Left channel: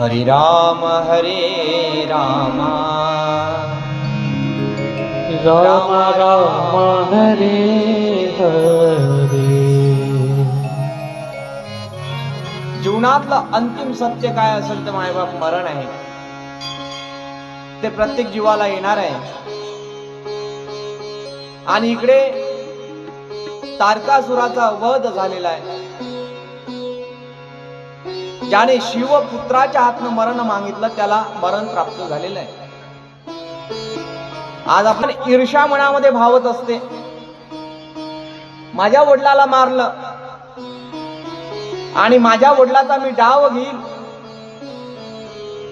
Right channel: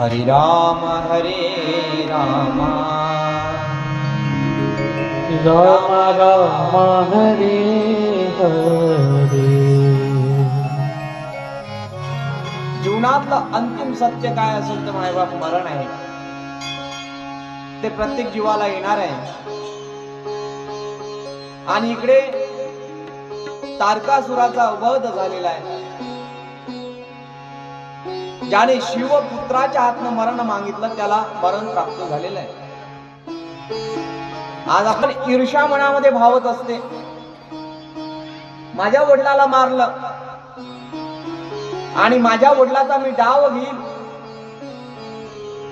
हरे राम राम राम हरे हरे. जीवनातलं अंतिम सत्य काय असेल तर मायबाप मरण आहे. ते प्रत्येक जीवाला येणार आहे. आणि इकडे तारकासुराचा वध झालेला आहे. ज्याने शिवपुत्राच्या हातनं मरण मागितलं त्याला मरण प्राप्त झालेलं आहे. आज आपण ईर्ष्या मनामध्ये भावत असते. माझ्या वडिलाला मारलं आणि माझ्या वडिलाचा मी डाव घेईल,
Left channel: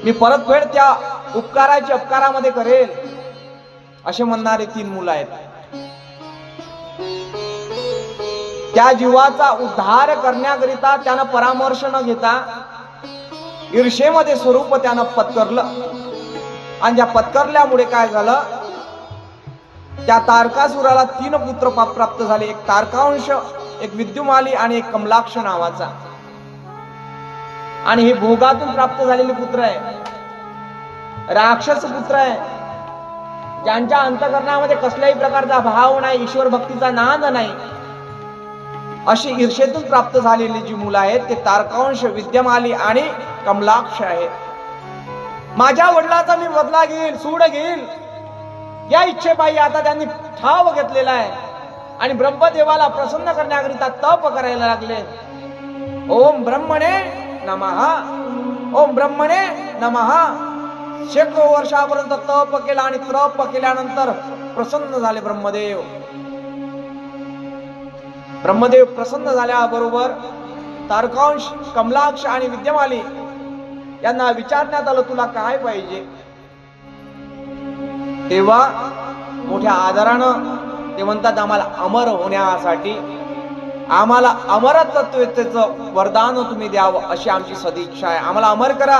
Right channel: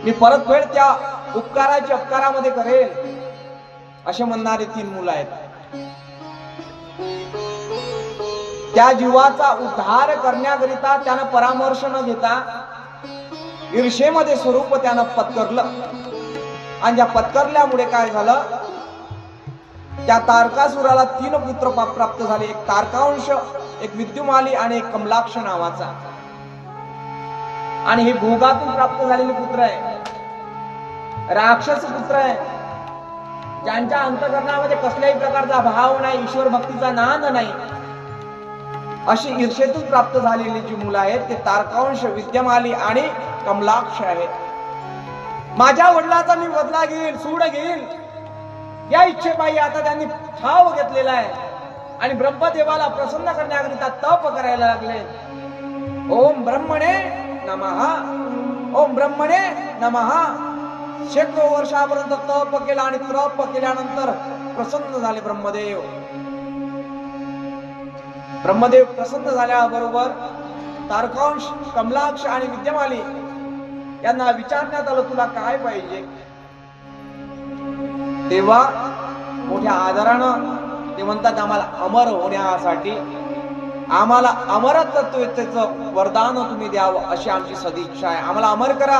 मी परतफेड त्या उपकारामध्ये करेल, असे म्हणणारे 3 मुलं आहेत. त्या जीवाचा उद्धार करण्याकरिता त्यानं परामर्श न घेता ईर्षेमध्ये स्वरूप त्यानं पत्करलं. आणि त्या पत्करल्यामुळे काय झालं, त्या तारकासुराला 3 पुत्र प्राप्त झाले. एक तारकांश, एक विद्युमाली आणि एक कमलाक्ष नावाचा. आणि हे भोगातून प्राप्त झालेले पुत्र आहे, राक्षस पुत्र आहे, ज्यांच्या अंतःकरणामध्ये कसल्याही प्रकारचा भाव नाही, ईश्वर भक्तीचा नाद नाही. अशी ईर्षेतून प्राप्त झालेली जी मुलं आहेत ते तारकांश, विद्यमाली आणि कमलाक्ष आहेत. माझ्या वडिलाचा मी बदला घेईल, सूड घेईल, या इच्छेपायी आता त्यांनी ठाव घेतलेला आहे. आणि ब्रह्मदेवाला प्रसन्न करण्याकरिता तप करायला लागले. ओम ब्रह्मणे नमः, ओम ब्रह्मणे नमः. शेकडो वर्षापर्यंत तप केला आणि तप केल्यानंतर प्रसन्न झाले ब्रह्मदेव. ब्रह्मदेव प्रसन्न झाल्याबरोबर तारकांश, कमलाक्ष आणि विद्यमाली यांना विचारण्यात आलं, तुला काय पाहिजे? तेव्हा मोठ्या आदरानं ते म्हणतात, आम्हाला अमर होण्यासाठी, आम्हाला अमरत्वाचं वरदान तुम्ही द्यावं अशी आमची सदिच्छा आहे. आम्हाला अमर करा,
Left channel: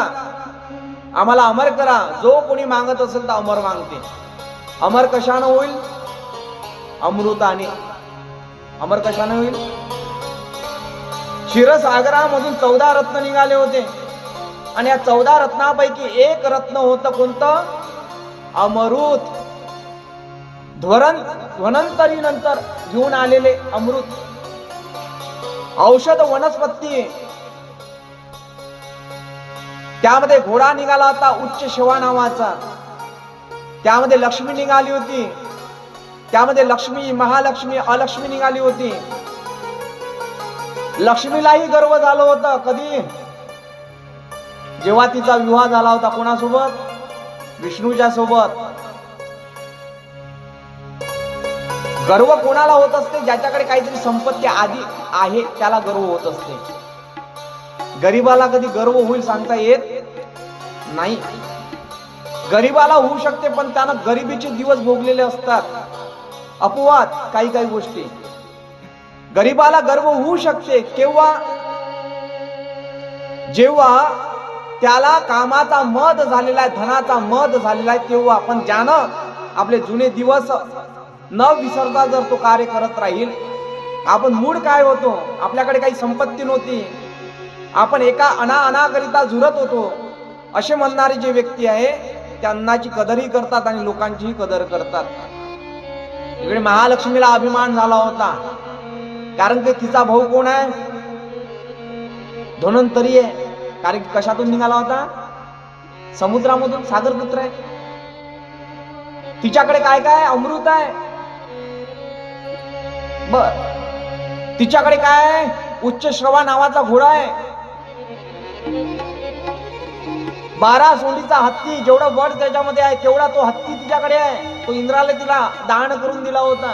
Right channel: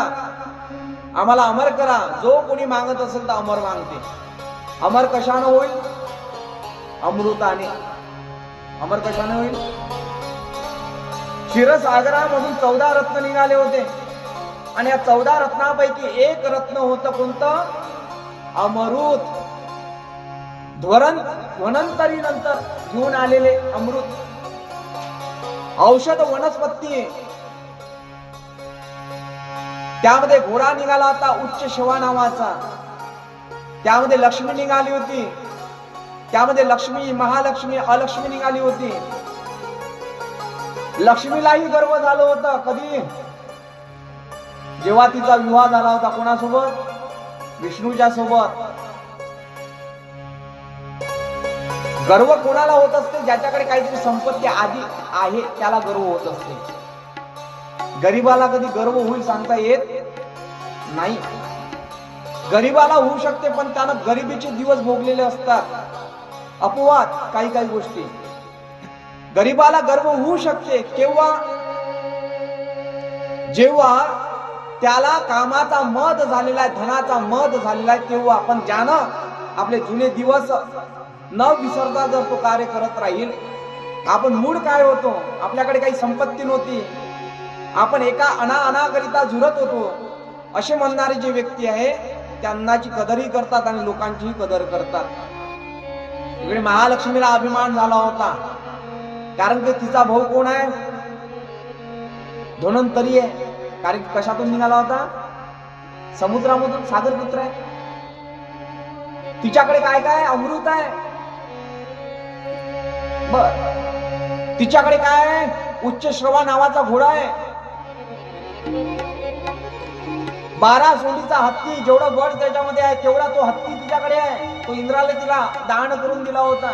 आम्हाला अमर करा. जो कोणी मागत असेल तर अमर मागते. अमर कशानं होईल? अमृताने. अमर कशानं होईल? क्षीरसागरामधून 14 रत्न निघाले होते आणि या 14 रत्नापैकी एक रत्न होतं कोणतं? अमृत. ध्वनंतरीनंतर घेऊन आलेले अमृत. औषध वनस्पती. त्यामध्ये घोडा निघाला होता उच्च शिवा नावाचा. त्यामध्ये लक्ष्मी निघाली होती. त्यामध्ये लक्ष्मी, महालक्ष्मी, अलक्ष्मी निघाली होती. लक्ष्मीलाही गर्व झालं होतं. कधी? जेव्हा तिचा विवाह झाला होता. कोणासोबत? विष्णूच्या सोबत. गर्व कोणाला होत असते? ज्याच्याकडे काहीतरी संपत्ती आधी आहे त्याला गर्व होत असते. गरीबाला कधी गर्व होईल सांगता येत नाही. गरीबाला होऊ शकते पण त्यानं गरिबीचे दिवस भोगलेले असतात. अपवाद काही गोष्टी. गरीबाला गर्व होऊ शकते केव्हा? जेव्हा त्याला कामाचा मद झालेला आहे, धनाचा मद झालेला आहे, तेव्हा. आपण ज्यानं आपले जुने दिवस न विसरता जर तो कार्य करत राहील. आपण मूळ काय होतो? आपल्याकडे काही संपत्ती नव्हती, आपण एका अनाकरिता झुरत होतो, असे म्हणणारे जे व्यक्ती आहे त्या अन्नाची कदरही करतात आणि लोकांचीही कदर करतात. इकडे महालक्ष्मीला अभिमान झाला होता, कारण की तिचा भाऊ कोण आहे? धन्वंतरी आहे. कारण कशातून निघाला होता? समुद्रामधून. सागरपुत्र आहे. तिच्याकडे काय अमृत आहे. बर, तिच्याकडे काय आहे? उच्च श्रवा नावाचा घोडा आहे. 12 सोंडीचा हत्ती. जेवढा बळ त्याच्यामध्ये आहे तेवढा तो हत्ती तिच्याकडे आहे. तो इंद्राला तिला दान करून दिला होता.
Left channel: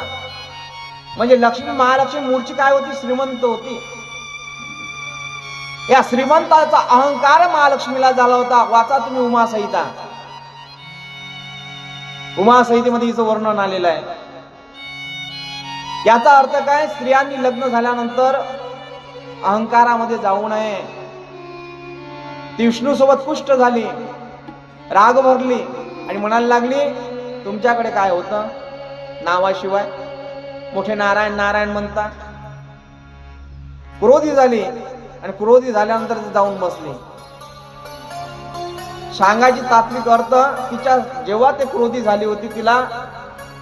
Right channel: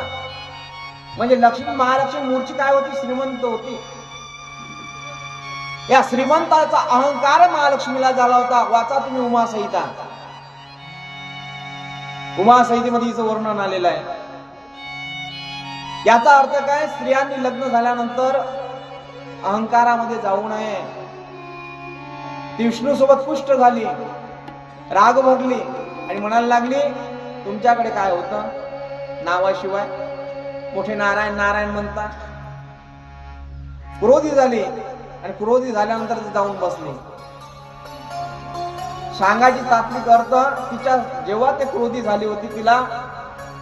म्हणजे लक्ष्मी, महालक्ष्मी मूळची काय होती? श्रीमंत होती. या श्रीमंताचा अहंकार महालक्ष्मीला झाला होता. वाचा तुम्ही उमासहिता. उमासहितेमध्ये हिचं वर्णन आलेलं आहे. याचा अर्थ काय? स्त्रियांनी लग्न झाल्यानंतर अहंकारामध्ये जाऊ नये. ती विष्णू सोबत पुष्ट झाली, राग भोगली आणि म्हणायला लागली, तुमच्याकडे काय होतं नावाशिवाय? मोठे नारायण नारायण म्हणता. क्रोधी झाली आणि क्रोधी झाल्यानंतर जाऊन बसली. सांगायची तात्विक अर्थ, तिच्या जेव्हा ते क्रोधी झाली होती, तिला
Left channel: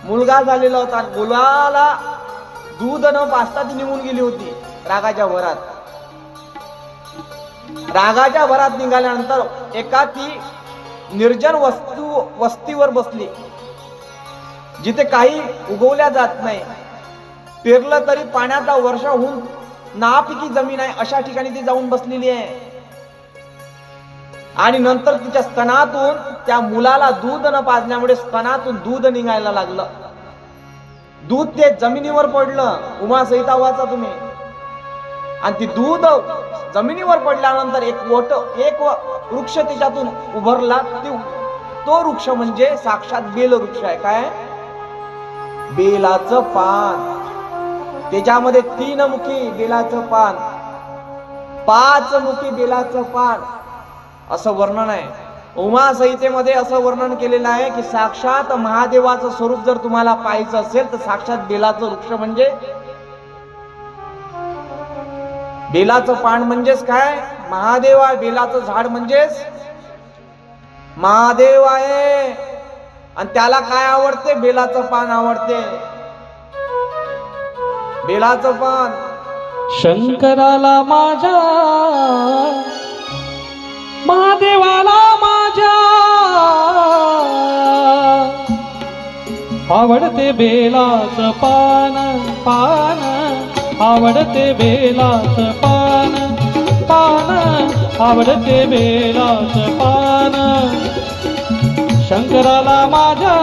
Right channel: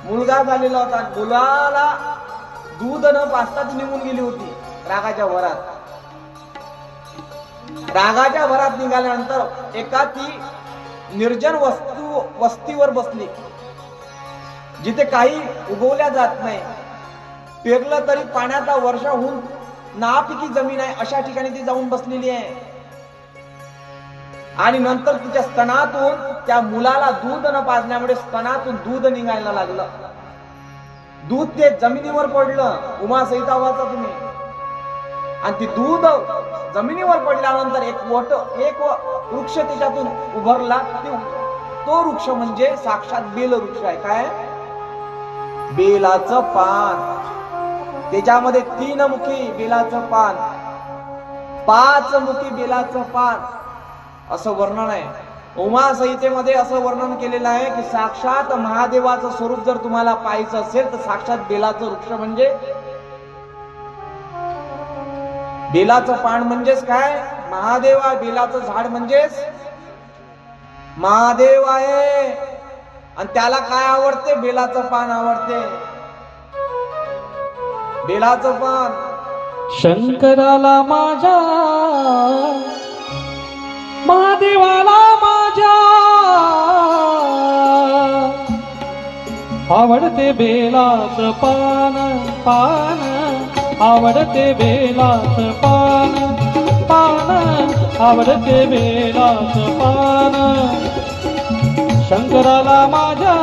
मुलगा झालेला होता, मुलाला दूध न पाजता ती निघून गेली होती रागाच्या भरात. रागाच्या भरात निघाल्यानंतर एका ती निर्जन वस्तीवर बसली, जिथे काही उगवल्या जात नाही, पेरलं तरी पाण्याचा वर्षा होऊन नापिकी जमीन आहे, अशा ठिकाणी ती जाऊन बसलेली आहे. आणि नंतर तिच्या स्तनातून त्या मुलाला दूध न पाजल्यामुळे स्तनातून दूध निघायला लागलं. दूध ते जमिनीवर पडलं. उमा संहिता वाचा तुम्ही. आणि ती दूध जमिनीवर पडल्यानंतर एक वृक्ष त्याच्यातून उभरला. तो वृक्ष म्हणजे साक्षात बेल वृक्ष आहे. काय? बेलाचं पान. त्याच्यामध्ये 3 मुखी बेलाचं पान, 5 मुखी बेलाचं पान, असं वर्णन आहे. उमा संहितेमध्ये असं वर्णन केलेलं आहे की साक्षात महादेवाचं स्वरूप जर तुम्हाला पाहायचं असेल तर साक्षात बेलाचं वृक्ष म्हणजे बेलाचं पान म्हणजेच काय? महादेव आहे. बेलाचं झाड म्हणजेच महादेव आहे. आणि त्याला काय आवडते? बेलाचं पान आवडते. बेलाचं पान. शंकराला माझ्या, महादेवाला माझ्या आवडते बेलाचं पान, पान आवडते बेलाचं पान, पान आवडते बेलाचं पान. शंकराला माझ्या,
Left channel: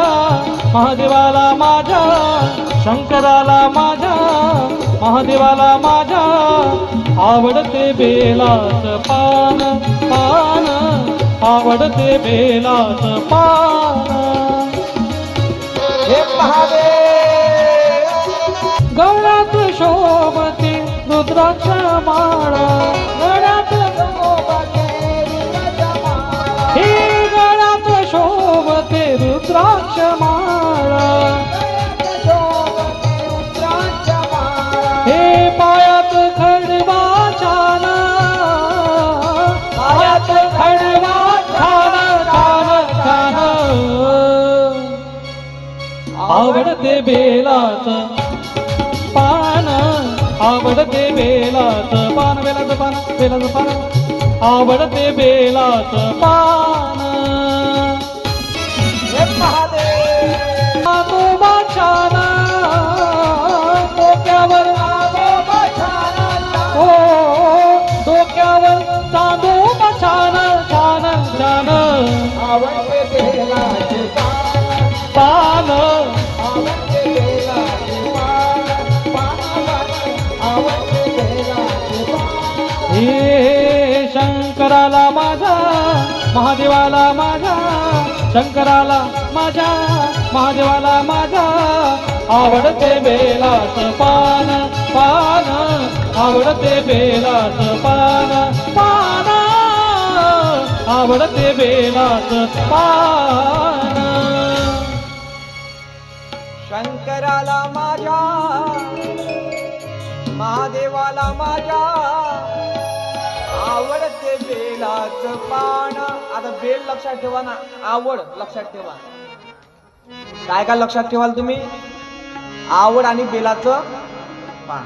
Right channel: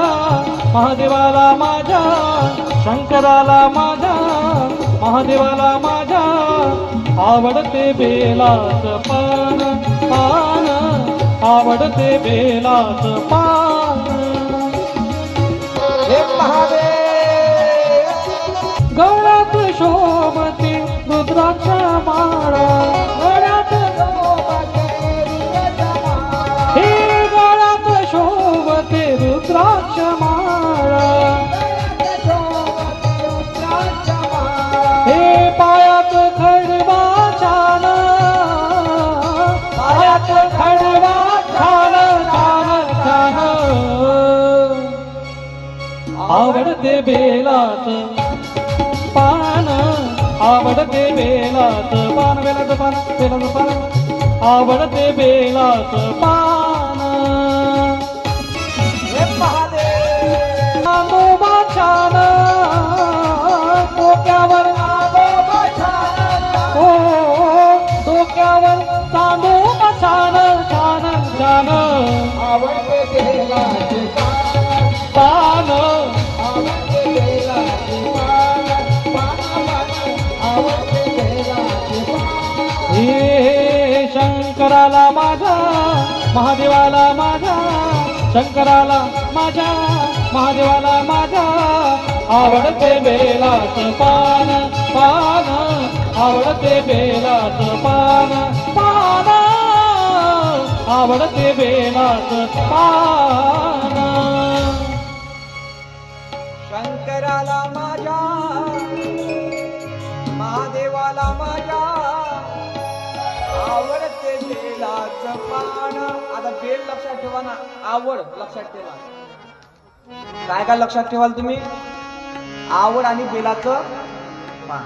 महादेवाला माझ्या, शंकराला माझ्या, महादेवाला माझ्या आवडते बेलाचं पान, पान आवडते बेलाचं पान. हे महादेव गळ्यात शोभते रुद्राक्ष माळा, गळ्यात हे गळ्यात शोभते रुद्राक्ष माळा, हे पायात खडवा छान, पायात खडवा छान छान छान. आवडते बेलाचं पान, आवडते बेलाचं पान, बेलाचं पान, बेलाचं पान आवडते बेलाचं पान. हे महादेव आजोबा छान, डोक्यावर हो डोक्यावर चांदून छान छान छान. आवडते बेलाचे पान, आवडते बेलाचे आवडते बेलाचे हे शंकराला माझा, महादेवाला माझा, शंकराला माझा, महादेवाला माझा आवडते बेलाचं पान, पान आवडते बेलाचं पान, पान आवडते बेलाचं पान. शंकराला माझ्या, महादेवाला माझ्या आवडते बेलाचं पान. आता बेल लक्षात ठेवा ना, आवड लक्षात ठेवा. काय काय लक्षात ठेवाल तुम्ही? आवड आणि बेलाचं पान.